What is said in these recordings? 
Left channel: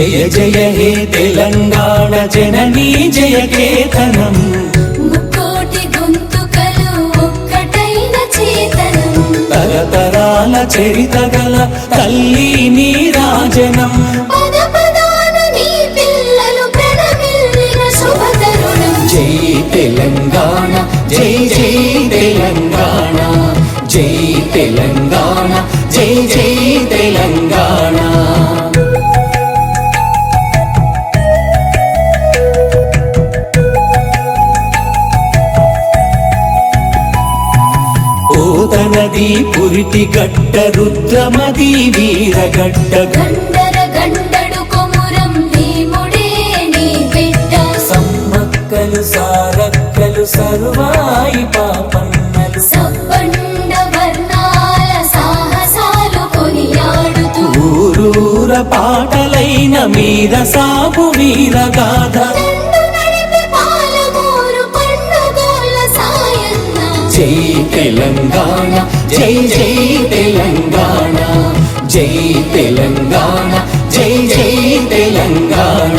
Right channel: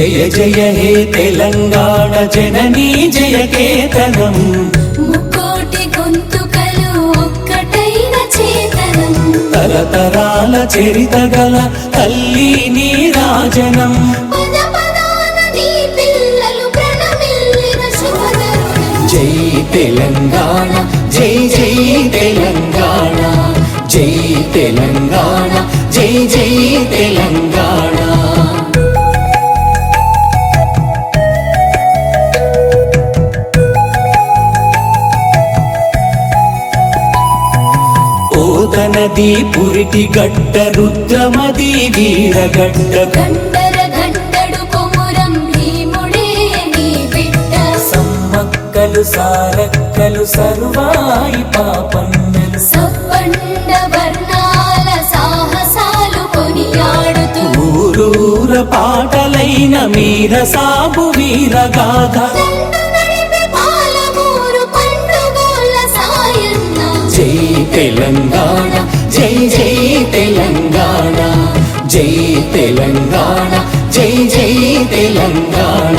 జయ జయ హే తెలంగాణ జననీ జయ కేతనం ముక్కోటి గొంతుకలు ఒక్కటైన చేతనం తరతరాల చరిత గల తల్లి నీ రాజనం పద పదాన నీ పిల్లలు ప్రణమిల్లిన శుభతరుణం జై తెలంగాణ జై జై తెలంగాణ జై తెలంగాణ జై జై తెలంగాణ పోతనది పురిటి గడ్డ రుద్రమది వీరగడ్డ గండర గండడు కొమురం భీముడే నీ బిడ్డ సమ్మక్కలు సారక్కలు సర్వాయి పాపన్నలు సబ్బండ వర్ణాల సాహసాలు కొనియాడుతూ ఊరూర పాటలైన మీర సాబు వీరగాథ దండు నడిపి పాలమూరు పండుగోల సాయన్న జై తెలంగాణ జై జై తెలంగాణ జై తెలంగాణ జై జై తెలంగాణ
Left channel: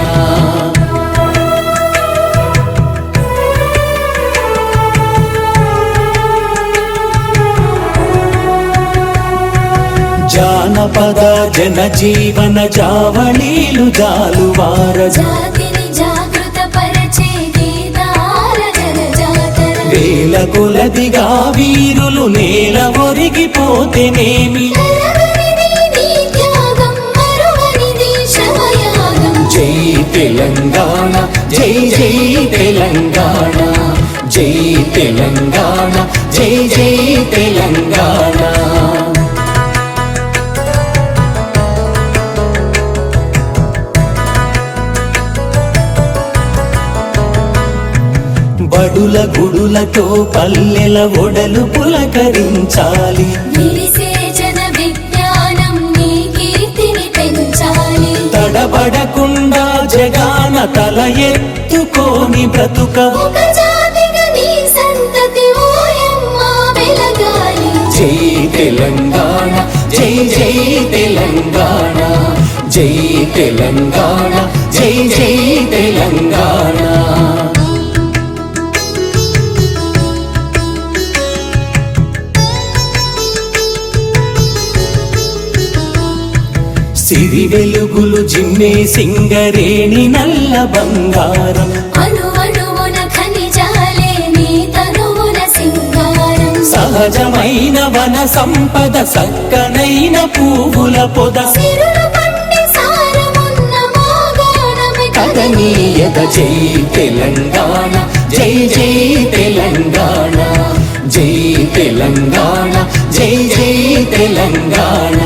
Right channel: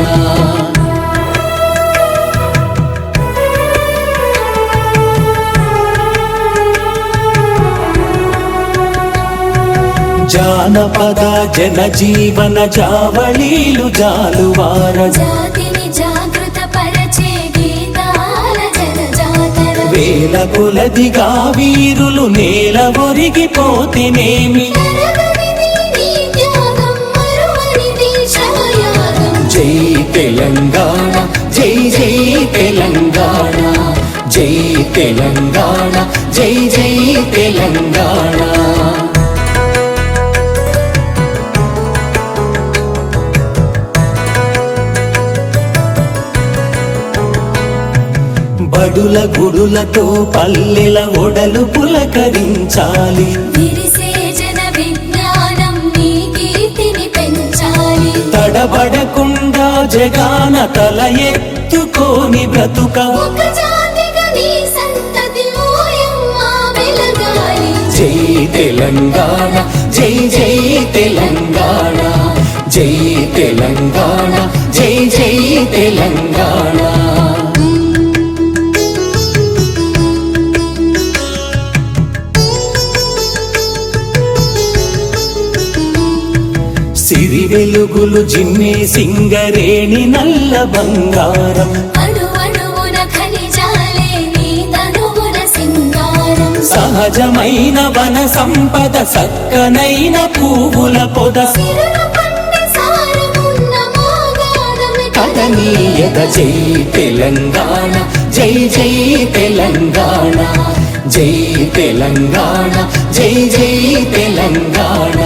జానపద జనజీవన జావళీలు జాలువార జాతిని జాగృత పరిచే గీతాల జనజాతర వేల కొలదిగా వీరులు నేల ఒరిగిపోతేనేమి నీ త్యాగం మరువనిది శ్రమయాగం జై తెలంగాణ జై జై తెలంగాణ జై తెలంగాణ జై జై తెలంగాణ బడుల గుడులతో పల్లెల ఒడలు పులకరించాలి విరిసే జన విజ్ఞానం నీ కీర్తిని పెంచాలి తడబడకుండా జగాన తల ఎత్తుకోని బ్రతుకవు ఒక జాతిగా నీ సంతతి ఓయమ్మ వెలగాలి జై తెలంగాణ జై జై తెలంగాణ జై తెలంగాణ జై జై తెలంగాణ సిరి వెలుగులు జిమ్మే సింగరేణి నల్ల బంగారం అణువణువున ఖనిజాలే నీ తనువున సింగారం సహజమైన వన సంపద సక్కనైన పువ్వుల పొద సిరులు పండి సారమున్న మోగానమే కదనీయత జై తెలంగాణ జై జై తెలంగాణ జై తెలంగాణ జై జై తెలంగాణ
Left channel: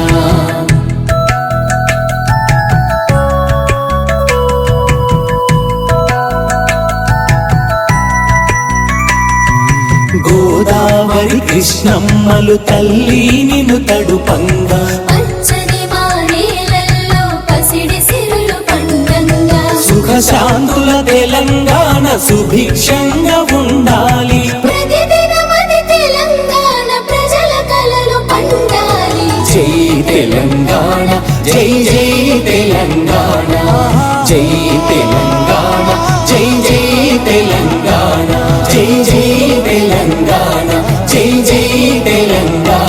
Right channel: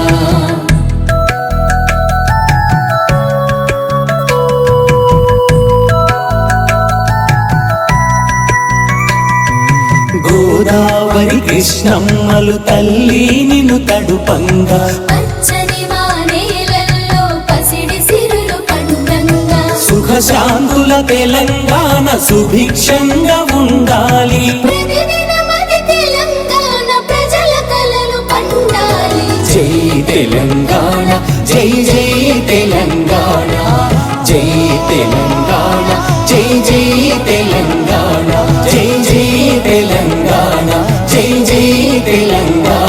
గోదావరి కృష్ణమ్మలు తల్లి నిన్ను తడుపంగా పచ్చని వానేలల్లో పసిడి సిరులు పండంగా సుఖశాంతుల తెలంగాణ సుభిక్షంగా ఉండాలి ప్రతిదినమది తెలంగాణ ప్రజల కలలు పండాలి జై తెలంగాణ జై జై తెలంగాణ జై తెలంగాణ జై జై తెలంగాణ జై జై తెలంగాణ జై జై తెలంగాణ